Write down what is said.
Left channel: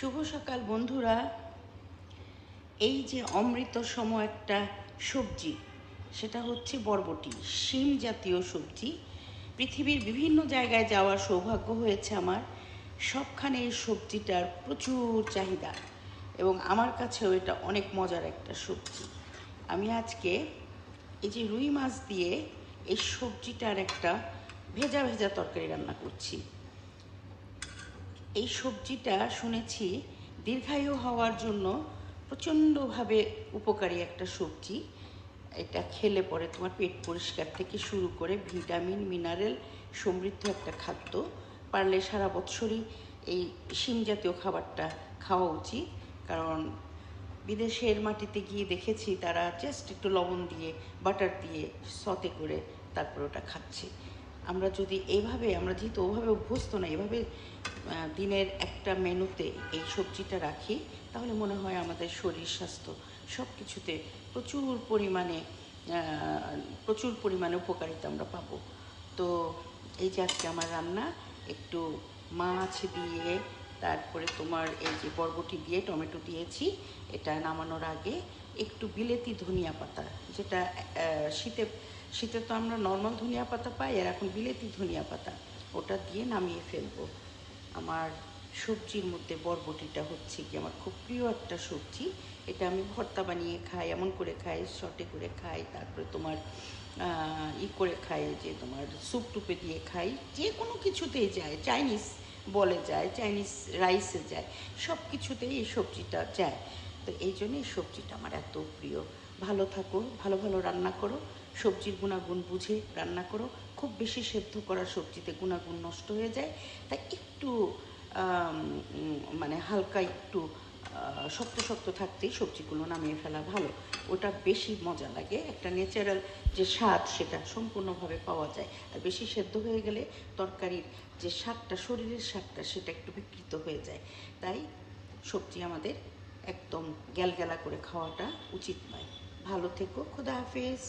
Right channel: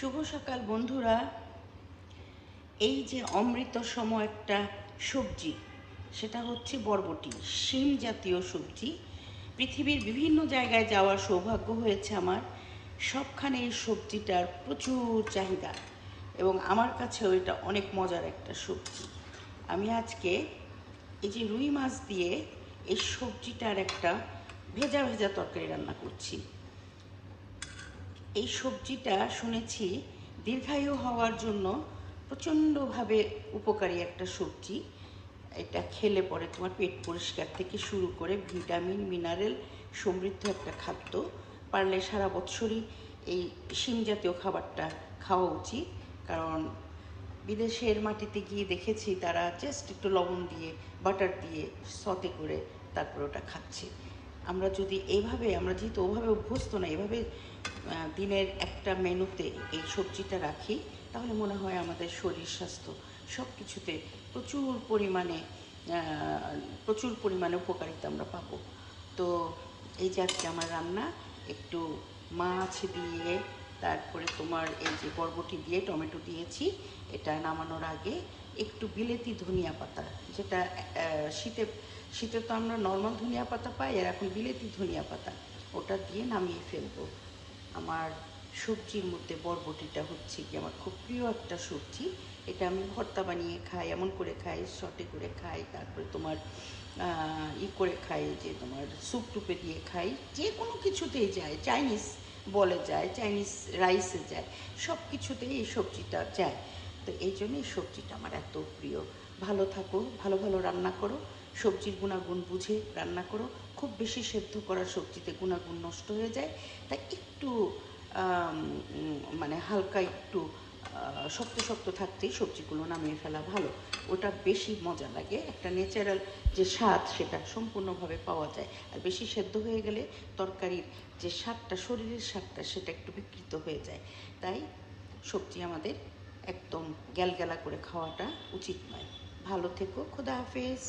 শুভ সকাল বন্ধুরা। এই যে অমৃত সম একটা সবজি, সেটা হচ্ছে বরবটি, শিম জাতীয় সবজি। পৃথিবীর বিভিন্ন জায়গায় যাওয়ার সৌভাগ্য হয়েছে আমার। সবখানে এই সবজিটার প্রচুর চাহিদা এবং আমার কাছেও এটা অনেক মজার একটা সবজি। আমি আজকে এই যে রুই মাছ দিয়ে এই সবজিটার একটা ভেজা ভেজা তরকারি রান্না করছি। এই সবজিটা শুনেছি দীর্ঘায়ু হওয়ার জন্য প্রচণ্ডভাবে উপকারী একটা সবজি। এটা খেলে পরে তোমার পেট পরিষ্কার থেকে শুরু করে ভিটামিন মিনারেল সমৃদ্ধ একটা খাদ্য। পারলে সারা বছরই এই শিম জাতীয় খাবারটা খাওয়া উচিত। কারণ বিদেশের মাটিতে গিয়ে দেখেছি তারা জাস্ট একটু লবণ দিয়ে বাটার দিয়ে সতে করে তারপর ওটা খাচ্ছে। আমরা যদি এইভাবে, আমরা যেহেতু ওভাবে অভ্যস্ত না, এভাবে দিনের একটা মেনুতে এই সবজিটা রাখি, তাহলে মনে হয় আমাদের শরীর স্বাস্থ্য সব কিছুতে প্রচুর পরিমাণে প্রচুর পরিমাণে উপকারিতা আমরা পাবো। তো এই যে আজকে আমার রান্না একটু মাছ দিয়ে, তারপরে তোমার এই যে বরবটি দিয়ে টমেটো দিয়েছি। এটা নামানোর আগে একটু বিলেতি ধনিয়া পাতা, যেটা শীতে শীতে তো আমরা নর্মাল ধনিয়া পাতা পাই, আর এখন বিলেতি ধনিয়া পাতা, ওটা দিয়ে নামিয়ে ফেলবো। আমার সবজির মধ্যে বরবটিটা হচ্ছে কি আমার খুব প্রিয় একটা সবজি। এটা আমি ভর্তা বানিয়ে খাই, এমন করে খাই, শর্টে করে খাই, তারপরে তোমার করে খাই, যে তোমার স্যুপ টুপে দিয়ে খাই, যে কোনো কিছুতেই যায়, চাইনিজ বলে যায়, চাইনিজ রাইসে যায়, সব কিছুতেই এই সবজিটা যায়। তো এই জন্য এই সবজিটা আমার এত প্রিয়। ভালো থাকো, ভালো ভালো রান্না করো, সবজির গুণাগুণ বুঝে রান্না করো। খুব বেশি সেদ্ধ করা সবজিতে গুণাগুণ নষ্ট হয়ে যায়, তাই একটু মানে হালকা একটু শক্ত শক্ত থাকতেই সবজিগুলো নামিয়ে ফেলা ভালো। ওটা বেশি মজা লাগে, একটা ন্যাচারাল যে স্বাদ সেটা সম্পূর্ণভাবে পাওয়া যায়। আর বেশি সেদ্ধ হয়ে গেলে তরকারির যে স্বাদটা, শরীরের স্বাদটা, সেটা একটু বিকৃত হয়ে যায়। তাই সবজি আমাদের একদম গ্যালগ্যালা করে খাওয়াটা উচিত নয়। ভালো থেকো, খোদা হাফেজ।